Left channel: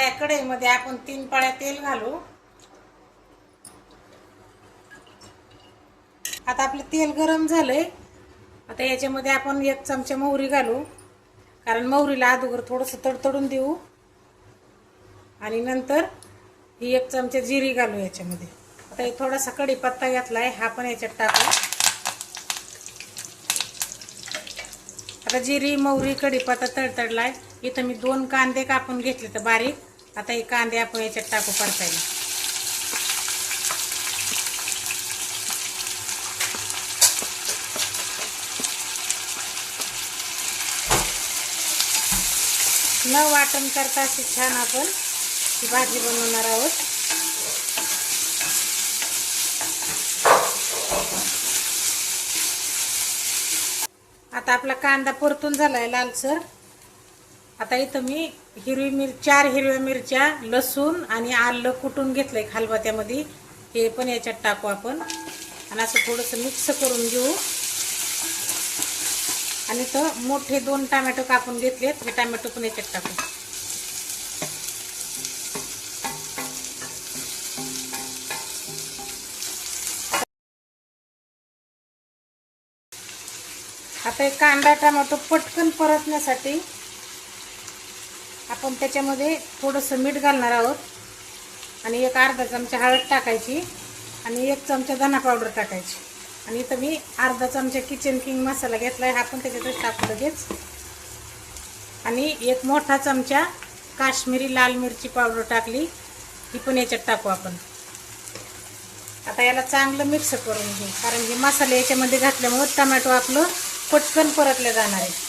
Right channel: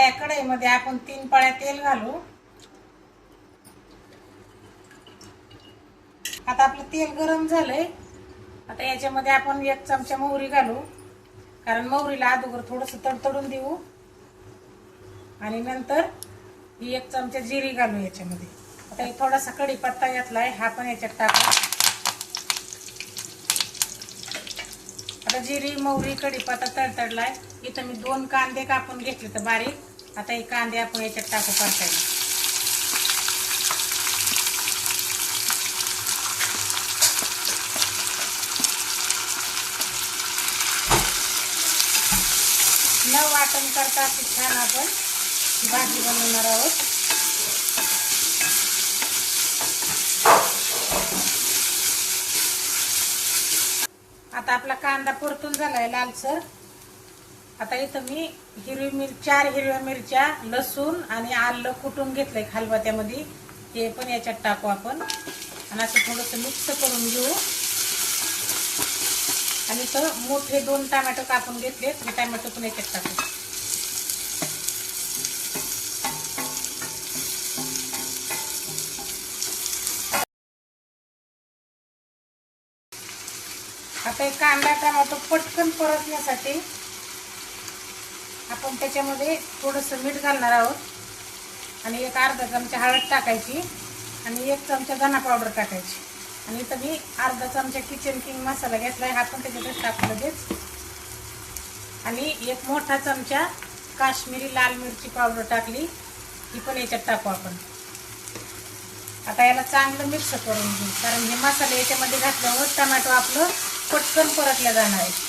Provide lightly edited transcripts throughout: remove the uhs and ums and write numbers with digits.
आता या कढईमध्ये आपण 3 पळ्या तेल घालू। आता आपलं तेल गरम झालंय। आता याच्यामध्ये आपण 1 चमचा मोहरी घालू, कारण मोहरीला अगोदर थोडंसं तडतडून देऊ आणि नंतर ही 1 चमचा जिरी घालू याच्यामध्ये। आता हे थोडासा कढीपत्ता घातलाय, हा पण याच्यात टाकू। आता जिरी मोहरी कढीपत्ता तडतडलाय। इथं मी 2 कांदे कापून घेतले तर बारीक। आता हे कांदे आपण याच्यात टाकू परतायला। न वाटण करता अशी छान आपण भाजी बनवणार आहोत। आता आपला कांदा परतून झालाय लालसर। आता इथं मी 4 हिरव्या मिरच्या, लसूण आणि आलं कुटून घेतलंय खलबत्त्यामध्ये, हे पण याच्यात टाकू आपण आणि असं थोडंसं मिक्स करून घेऊ। आणि इथं मोठे 2 टोमॅटो कापून घेतलेत, हे टोमॅटो पण याच्यात टाकू। आता एक कांदा टोमॅटो पटकन परतण्यासाठी आपण त्याच्यामध्ये थोडंसं मीठ घालणार आहोत आणि एक अर्धा चमचा हळद टाकायची आणि 1 चमचा धना पावडर टाकायची आणि इथं मी अर्धा चमचा किचन किंग मसाला घेतलाय, हा पण त्याच्यात टाकू लगेच। आणि 1 मोठा चमचा काश्मीरी लाल मिरची पावडर टाकली, ती पण याच्यात टाकू आपण। आता याला चांगलं मिक्स करून घेऊ, कारण हे मसाले याच्यामध्ये घातल्यामुळे टोमॅटो आपलं पटकन परतलं जाणार आहे।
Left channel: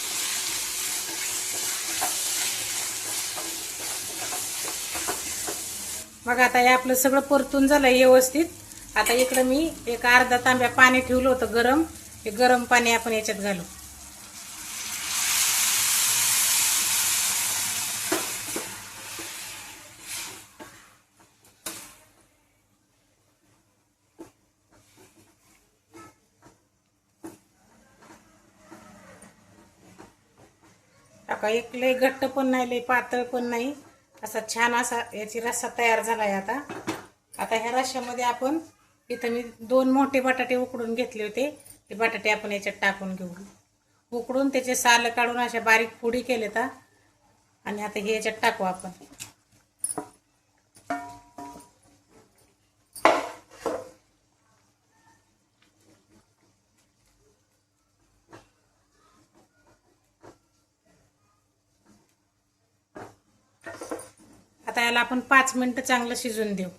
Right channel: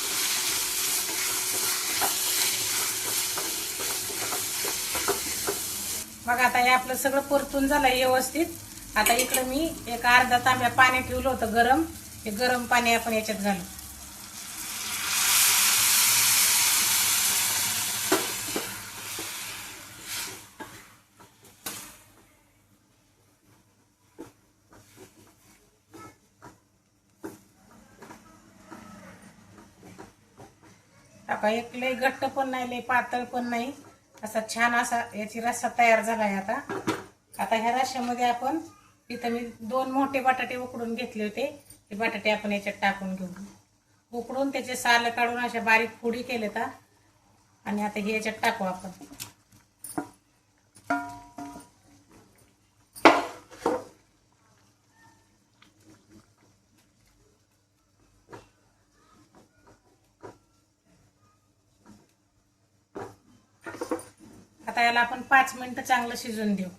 बघा आता हे आपलं सगळं परतून झालंय व्यवस्थित। आता इकडे मी एक अर्धा तांब्या पाणी ठेवलं होतं गरम, हे गरम पाणी आपण याच्यात घालू। आता एक लय घट्ट पण नाही लय पातळ पण नाही, असा छान असा याची रस्सा तयार झालाय। आता ह्या रश्श्यामध्ये आपण इथं मी 2 मोठे बटाटे उकडून घेतले होते, ते बटाटे आपण याच्यात टाकून घेऊ। उकडून त्याचे साल काढून अशा बारीक फोडी केलेत आणि आता हे याच्यात टाकू आपण। आता याला आपण 5 मिनिटं चांगलं शिजून देऊ।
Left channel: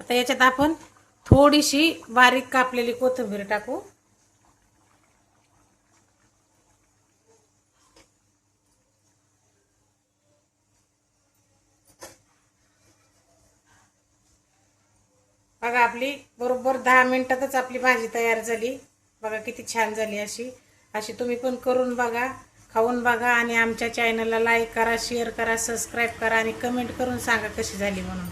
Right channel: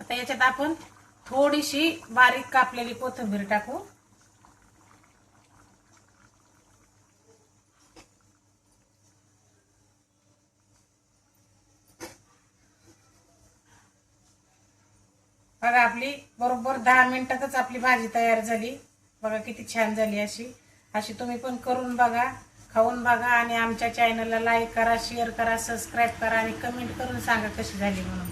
आता याच्यात आपण थोडीशी बारीक कापलेली कोथिंबीर टाकू। बघा आपली बरोबर 10 मिनिटातच आपली भाजी तयार झाली। बघा किती छान झाली अशी तुम्ही पण करून बघा, खाऊन बघा आणि आमच्या चॅनलला लाईक करा, शेअर करा, सबस्क्राईब करा आणि कमेंट करून सांगा कशी झाली म्हणून।